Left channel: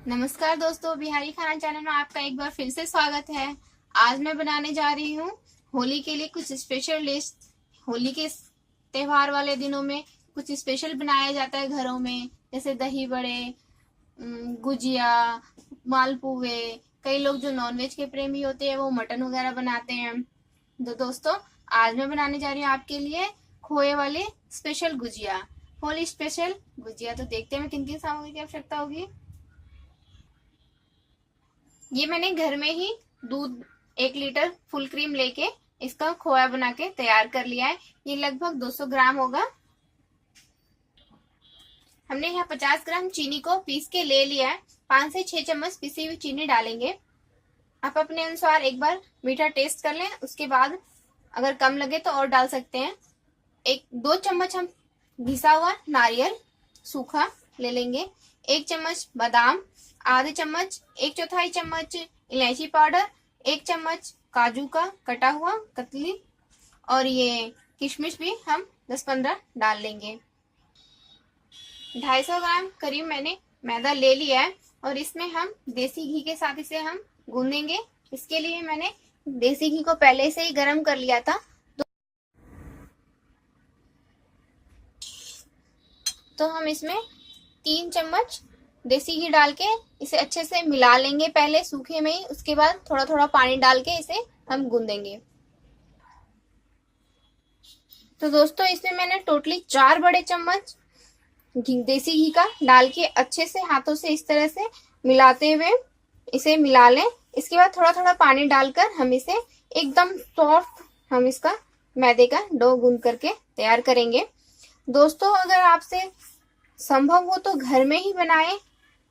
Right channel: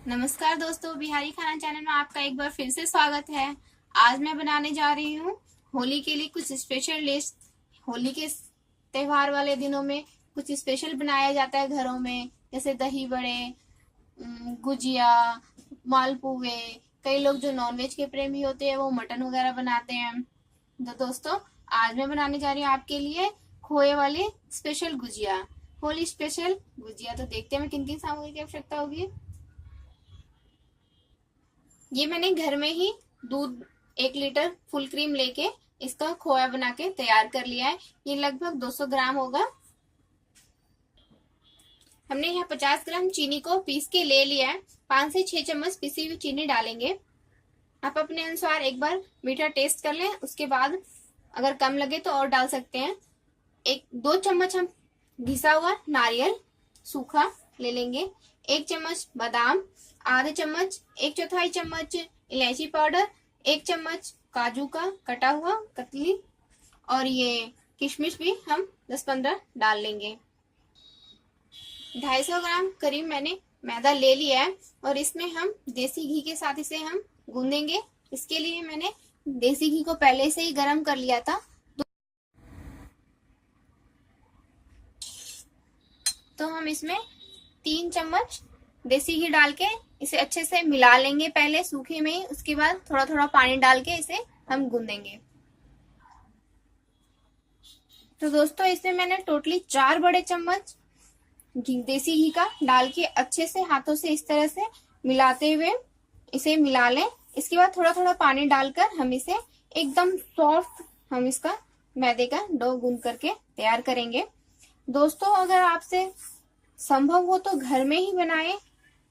नमस्कार दोस्तों, बिहारी खाना चैनल में आपका एक बार फिर से स्वागत है। आज मैं बनाने जा रही हूँ होली के लिए कुछ स्पेशल डिश। होली के त्योहार वाले दिनों में कुछ स्पेशल बनाया जाता है घरों में, जैसे दही बड़े, गुजिया, मालपुए। कई लोग जो नॉनवेज के प्रेमी होते हैं वो मटन वगैरह बनाते हैं। तो दोस्तों, आज मैं बनाने जा रही हूँ आपके लिए खोए वाली स्पेशल गुजिया, होली स्पेशल गुजिया। तो देखते हैं मैं किन किन सामग्री की आवश्यकता होगी। ये मैंने घर में ही दूध 1 लीटर फुल क्रीम लेके इसका खोया बना के तैयार कर लिया है। ये लगभग 200 ग्राम होगा। हमने यहाँ 50 ग्राम चीनी को पीस के ले लिया है। 5 से 6 चम्मच पिसी हुई चीनी डालेंगे। आप अपने अनुसार एक बार मीठा टेस्ट कर लें, उसके बाद अगर कम लगे तो और डाल सकते हैं। 2 चम्मच हम घिसा हुआ नारियल सूखा ले लेंगे। 1 चम्मच बादाम, आधे चम्मच 1/4 चम्मच इलायची पाउडर, 1 चम्मच काजू का कटा हुआ कतली, और ये किशमिश भी हम 10-15 डाल लेंगे। 250 ग्राम करीब मैंने मैदा ले लिया है और इसमें हम देसी घी के साथ इसे हम गूंदेंगे। इसके लिए मैंने देसी घी को पहले से ही गर्म कर लिया था। तो हम इसमें 3 चम्मच देसी घी डाल के इसे अच्छे से मिला लेंगे पहले सूखे में ही, उसके बाद थोड़ा थोड़ा पानी डाल के इसे हम गूंदेंगे। तो दोस्तों, इसमें मैंने टोटली 4 बड़े चम्मच देसी घी का डाल के अच्छे से हाथों से इस तरह से मिलाते हुए इसे मिला लें। इसके बाद थोड़ा थोड़ा पानी डालकर हम इसे एकदम सॉफ्ट हम इसका मैदे का डो गूंद करके तैयार करेंगे। दोस्तों, अगर आपसे संभव हो तो घर में ही बनाएं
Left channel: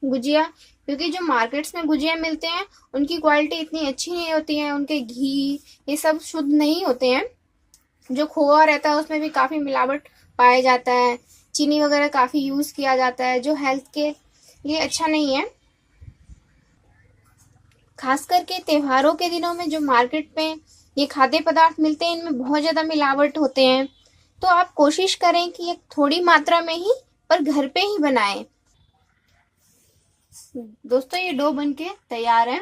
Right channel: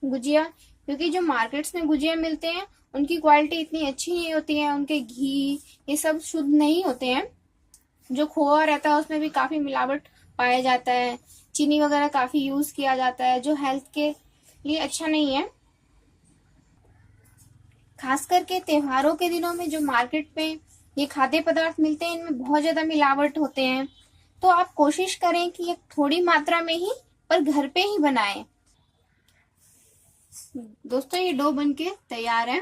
गुजिया, क्योंकि जो मार्केट्स में गुजिया मिलते हैं उनकी क्वालिटी इतनी अच्छी नहीं होती है। उनके घी ये सब शुद्ध नहीं होते हैं। जो खोआ रहता है उसमें भी काफी मिलावट पाया जाता है। चीनी वगैरह काफी यूज किया जाता है, जो हेल्थ के लिए अच्छा नहीं है। खास करके त्योहारों के दिनों में जो मार्केट में ये खाद्य पदार्थ मिलते हैं इनमें बहुत ज्यादा मिलावट होते हैं। तो आप कोशिश करें कि ये थोड़ी मात्रा में ही पर घर पे ही बनाएं। दोस्तों, ये डो बनके तैयार है।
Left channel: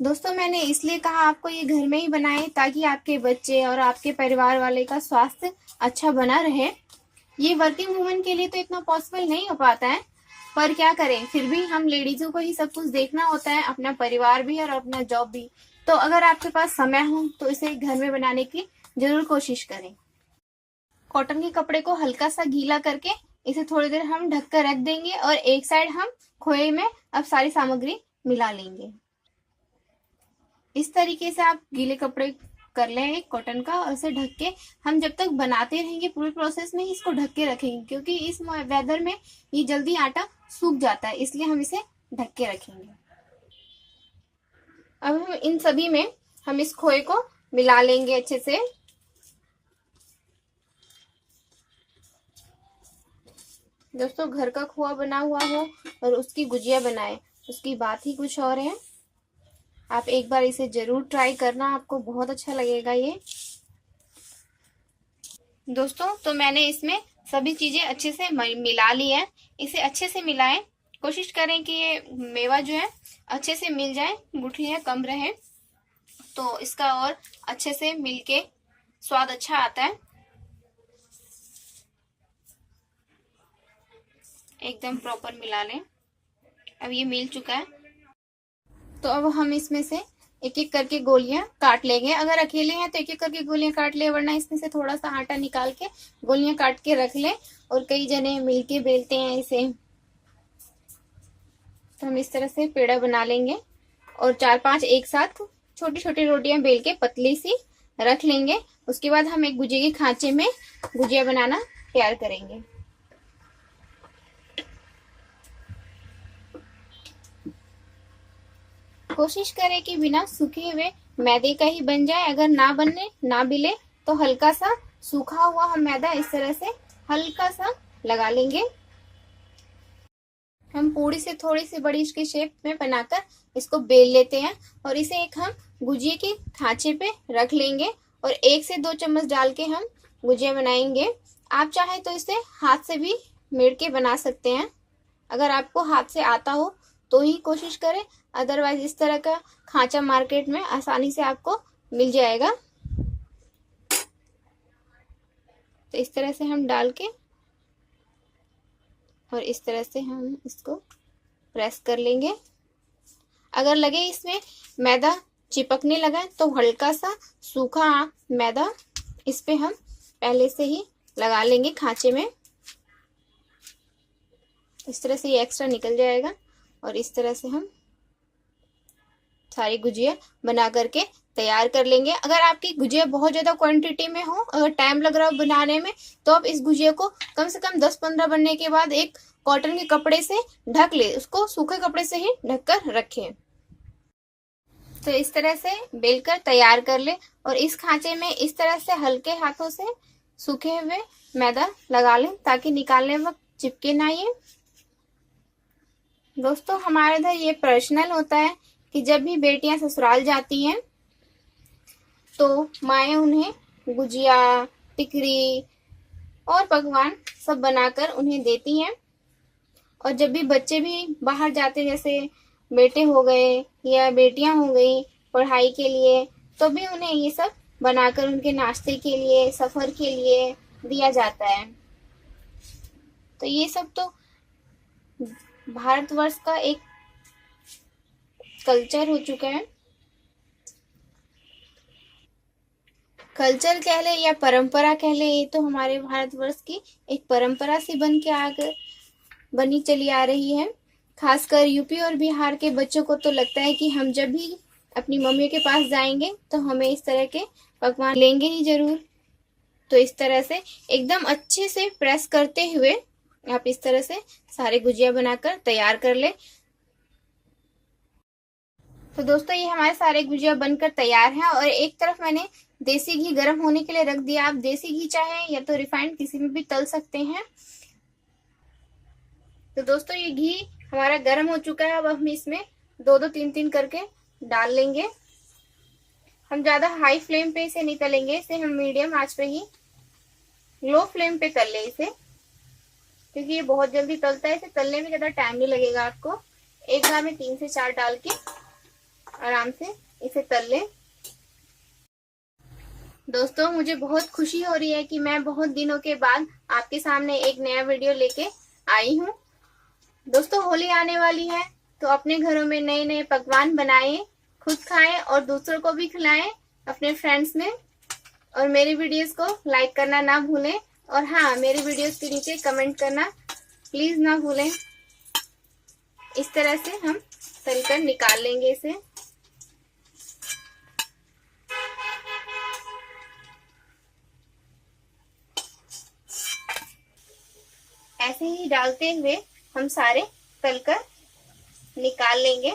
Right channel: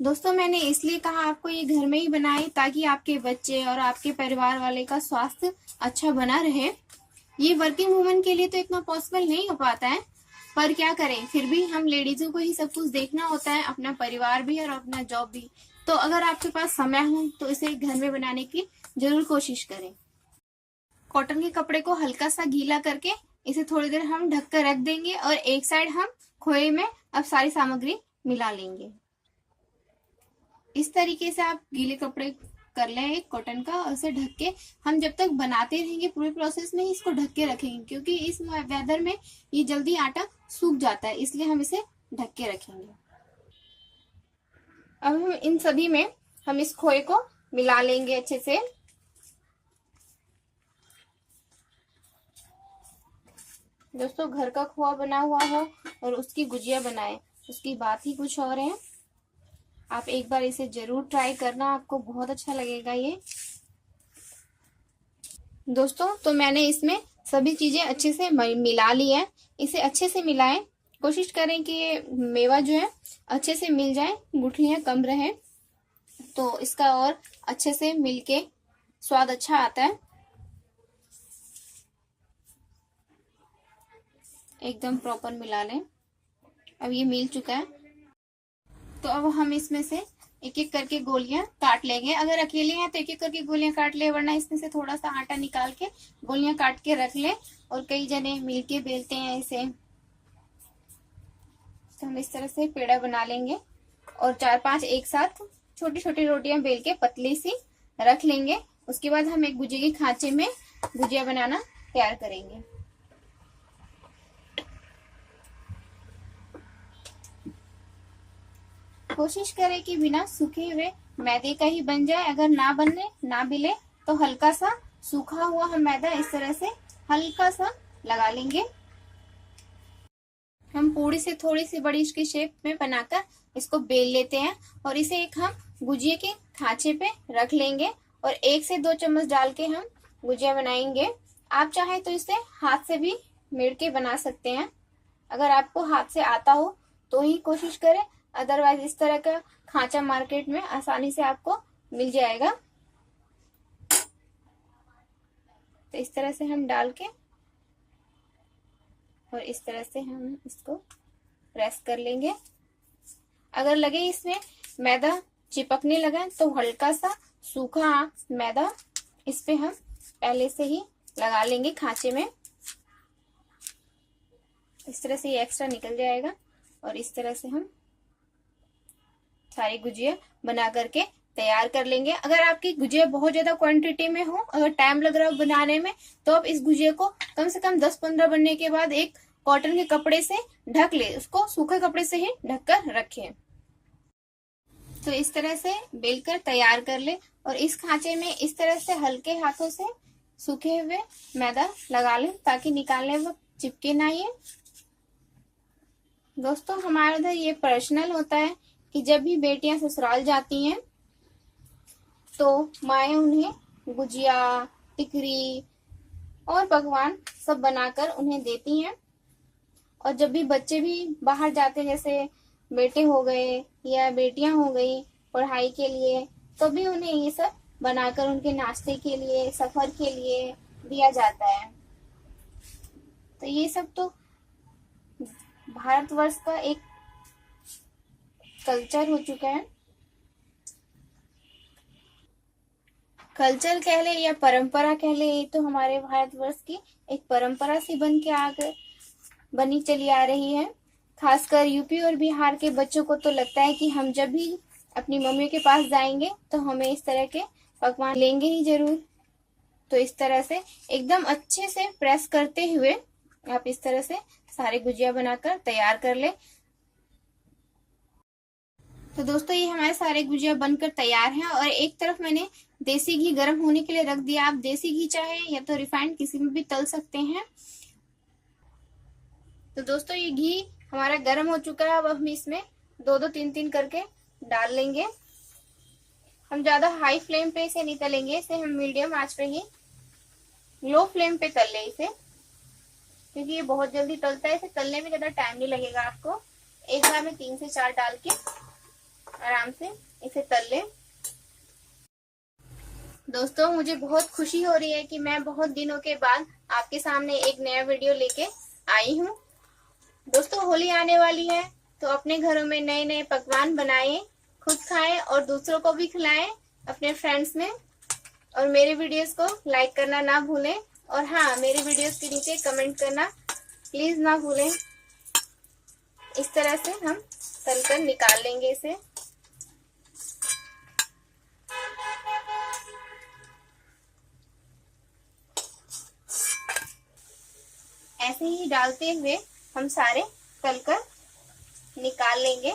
दोस्तों, मैंने इसलिए कहा आपको ये घर में ही बनाएं ताकि आपके बच्चे और आपके परिवार वाले का स्वास्थ्य अच्छा बना रहे। ये वर्किंग वुमन के लिए तो इतना पॉसिबल नहीं हो पाता है, पर क्या करें, फिर भी हम लेडीजों को ही सब कुछ देखना होता है, अपना परिवार भी और अपना जॉब भी। तो अगर आपके पास समय हो तो इसे घर में बनाने की जरूर कोशिश करें। कॉटन के कपड़े को हल्का सा गीला करके इसे थोड़ी देर हम ढक कर रख देंगे और एक साइड हम खोए में अब सारी सामग्री मिला लेंगे। इस तरीके से आप गीले कपड़े कर लें एक कॉटन का और इसे ढक के हम जब तक बनाते रहेंगे पूरे प्रोसेस में इसको ढक के रखेंगे, क्योंकि इस वेदर में ये जल्दी आटा सूख जाता है, इसलिए हम इसे ढक के रखेंगे। अब हम इन सभी में हम इस खोए को मिला लेंगे अच्छे से। दोस्तों, घर का खोआ बना हुआ हो और उसकी गुजिया बनाए, उसकी बात ही कुछ और है। आप एक बार इसे जरूर ट्राई करना, आपको बहुत अच्छा लगेगा ये। दोस्तों, तो मैंने इसमें सभी चीजें अच्छे से मिला ली है। इसे अच्छे से मिलाएं। कोशिश करें कि ये मेवा जो है अच्छे से मिल जाए, गुठलियां कम रहे, तो इसका और अच्छे से मिलके स्वाद अच्छा आता है। एकदम प्रॉपर मिला लें। अब ये मिल चुका है, तो अब हम इसमें से एक एक करके गोलियां काट लेंगे। अगर अकेले हैं तो एक एक करके गोलियां काट ले, वरना इसमें से थोड़ा सा आटा निकाल के गोलियां काट के रख ले। और कई जने मिलके बेलते हैं इसे, तो हम इस तरह से पेड़ा बना लेंगे और 4-5 एक साथ छोटी छोटी रोटियां बेल के पतली सी रख लेंगे। उसके बाद हम एक गुजिया के खांचे में गुजिया बनाना तैयार करेंगे। कोशिश करें कि बिना सूखे हुए मैदे का ही बन जाए। अगर ना बिले तो हल्का सा सूखा हुआ हम मैदा इस तरह से हल्का सा लगा लेंगे। हम पूरी से थोड़ी सी बड़ी इसकी शेप में बनाकर इसको बेल लेते हैं और इसे एक हम गुजिया के खांचे पे रख लेंगे और 1 से 2 चम्मच डाल के हम गुजिया बनाएंगे। आप चाहें तो इसे हाथ से भी मेड़ के बना सकते हैं। अगर आपको हाथ से आता हो तो ही कोशिश करें, अदरवाइज इस तरह का खांचा मार्केट में आसानी से आपको मिल जाएगा। तो इस तरह से हम डाल के और इस तरह से हम इसको प्रेस कर लेंगे। अगर लगे इसमें मैदा चिपकने लगा तो हल्का सा सूखा मैदा इस पे हम पहले से ही लगा लेंगे खांचे में। इस तरह से ये एक्स्ट्रा निकल जाएगा और इस तरह से हम सारी गुजिया बना करके तैयार कर लेंगे। अगर आपकी गुजिया बहुत ज्यादा क्वांटिटी में हो, अगर टाइम लग रहा हो बनाने में, तो आप इस गुजिया को कम से कम 10-15 बनने के बाद एक कॉटन के कपड़े से ढक ले, उसको सूखे कपड़े से ही ढककर रखें। तो इस तरह से बेलकर तैयार कर ले और इस खांचे में इस तरह से हल्के हाथों से सूखे हुए मैदा लगा लें ताकि निकालने वक्त चिपके ना ये। दोस्तों हमारे इधर ये पर्सनल होता है कि जब भी बेटियां ससुराल जाती हैं तो माएँ उन्हें गुजिया, टिकरी और पकवान सब बनाकर उन्हें देती हैं। और जब भी बच्चे भी बाहर जाते, जैसे बेटे हो गए या बेटियां हो गई पढ़ाई के लिए, तो भी उन्हें ये सब बनाकर उनके नाश्ते के लिए, सफर के लिए दिया जाता है। तो ये सब तो भारतवर्ष का एक कल्चर हो चुका है। कल्चर कह ले या परंपरा कह ले, ये तो हमारे भारतवर्ष की एक परंपरा सी बन के आकर बनी चली आ रही है। खासकर यूपी और बिहार के बच्चों को तो लगता है कि हम जब भी अपनी मम्मी के पास जाएंगे तो हमें इस तरह के पकवान लेंगे ही जरूर। तो इस तरह से एकदम अच्छे से प्रेस करते हुए आप इस तरह से सारे गुजिया बनाकर तैयार कर ले। तो दोस्तों ये हमारे सारे गुजिया बनकर तैयार हैं और एक तरफ मैंने देसी घी गर्म होने के लिए रख दिया। आप देसी घी चाहे या तो रिफाइंड किसी में भी तल सकते हैं। तो दोस्तों ये घी हमारा गर्म हो चुका है। अब हम इसमें 2-2, 3-3 करके डाल लेंगे। हम ज्यादा हाई फ्लेम पे इसे नहीं तलेंगे, इसे हम मीडियम आंच पे ही, लो फ्लेम पे तल ले इसे, क्योंकि ये बहुत जल्दी तलता है। इसे तलने में ज्यादा टाइम नहीं लगेगा आपको। एक बार में 3 से 4 डाल के आराम से इसे तल ले। दोस्तों मुझे बहुत खुशी हो रही है कि मैं बहुत दिनों के बाद आपके सामने एक नया वीडियो लेके आई हूँ। दोस्तों होली आने वाली है तो अपने घरों में नए नए पकवान बनाएं, खुद खाएं और दूसरों को भी खिलाएं अपने फ्रेंड्स में। और मेरी वीडियोस को लाइक करना ना भूलें और हाँ, मेरी वीडियोस के नीचे कमेंट करना प्लीज ना भूलें। इस तरह से हम तलकर निकाल लेंगे इसे। ऐसे ही डालते हुए हम सारे तलकर निकाल लेंगे।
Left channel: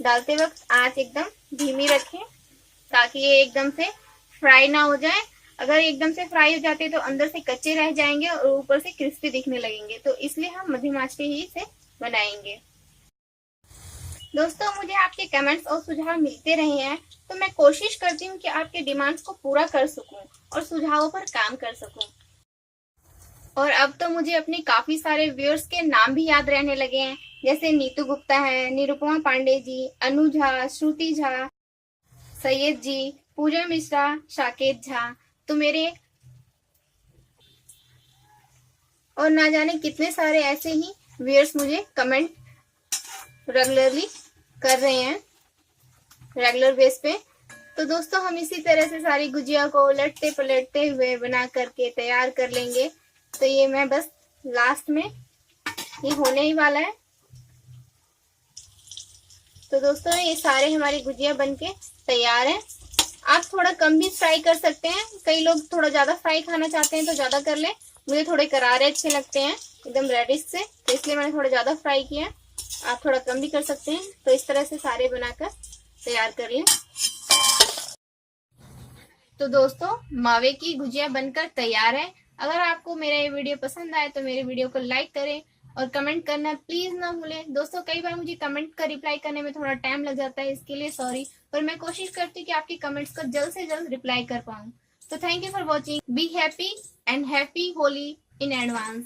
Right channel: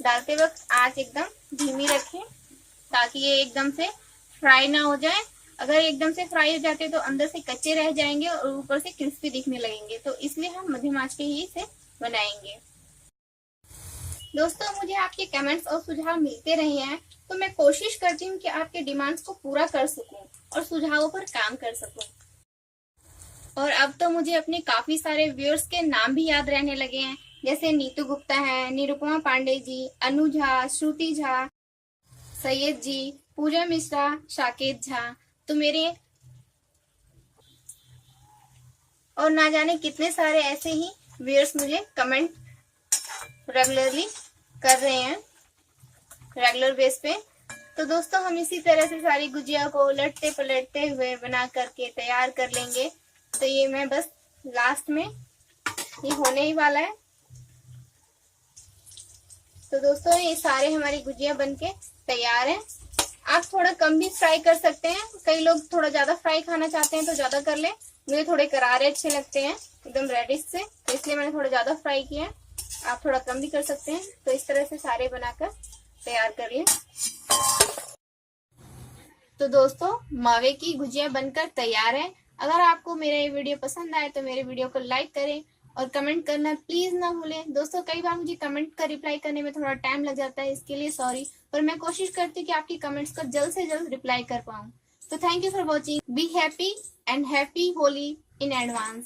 डालते वक्त आंच एकदम धीमी रखें ताकि ये एकदम से फ्राई ना हो जाए। अगर एकदम से फ्राई हो जाते तो अंदर से कच्चे रह जाएंगे और ऊपर से क्रिस्पी दिखने लगेंगे। तो इसलिए हम मध्यम आंच पे ही इसे बनाएंगे। दोस्तों मुझे आपके कमेंट्स और सुझाव मिलते रहे हैं तो मैं कोशिश करती हूँ कि आपके डिमांड्स को पूरा कर सकूं और सुझावों पर काम कर सकूं। और अब तो मुझे अपने काफी सारे व्यूअर्स के नाम भी याद रहने लगे हैं, जैसे नीतू गुप्ता है, निरुपमा पांडे जी, अनु झा, श्रुति झा, सैयद जी, पूजा मिश्रा, साकेत झा। तो मेरे और ना जाने कितने सारे ऐसे ही व्यूअर्स मुझे कमेंट रेगुलरली कर रहे हैं, रेगुलर बेस पे। तो दोस्तों हम इसी तरह से सारी गुजिया को उलटते पलटते हुए बना करके तैयार कर लेंगे। तो ये मैं बस लास्ट में ये होने ही वाला है। तो दोस्तों ये सारे हमारी गुजिया बनके तैयार हैं। आप थोड़ा कम भी फ्राई कर सकते हैं, कई लोग थोड़ा ज्यादा फ्राई खाना चाहते हैं तो ज्यादा कर लें। मुझे थोड़े करारे अच्छे लगते हैं एकदम रेडिश से, तो इसलिए मैंने थोड़ा ज्यादा फ्राई किया। आप थोड़ा कम भी कर सकते हैं। तो इस तरह से सारे बनाकर तैयार करिए। तो दोस्तों मावे की गुजिया बनकर तैयार है। अगर आपको मेरा ये वीडियो पसंद आए तो मेरे वीडियो को लाइक करें और कमेंट करना प्लीज ना भूलें। दोस्तों कई बार मुझे कमेंट का रिप्लाई करने में थोड़ा टाइम लग जाता है, इसके लिए सॉरी, पर मैं कोशिश करती हूँ कि आपकी कमेंट्स का जल्द से जल्द रिप्लाई कर पाऊँ। तो thank you for watching. Be happy and happy Holi in advance.